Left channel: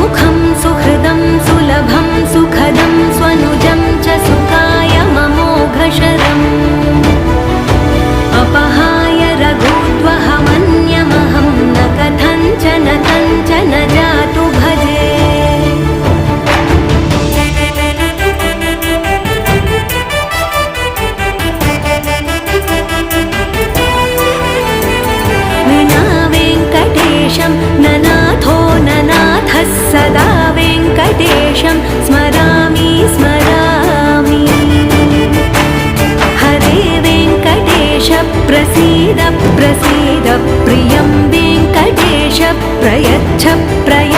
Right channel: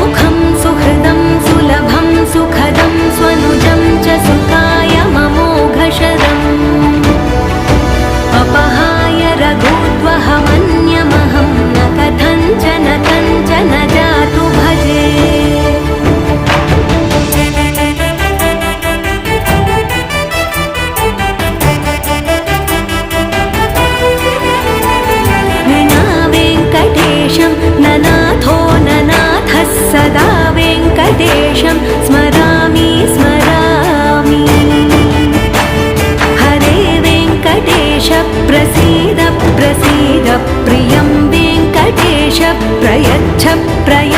सुमुखं सुहृदं सुलभं सुखदं स्वनुजं च सुखाय ममोघशरम् अपहाय रघुद्वहमन्यमहं न कथञ्चन जातु भजे। विना वेङ्कटेशं ननाथो ननाथः सदा वेङ्कटेशं स्मरामि स्मरामि। हरे वेङ्कटेश प्रसीद प्रसीद प्रियं वेङ्कटेश प्रयच्छ प्रयच्छ।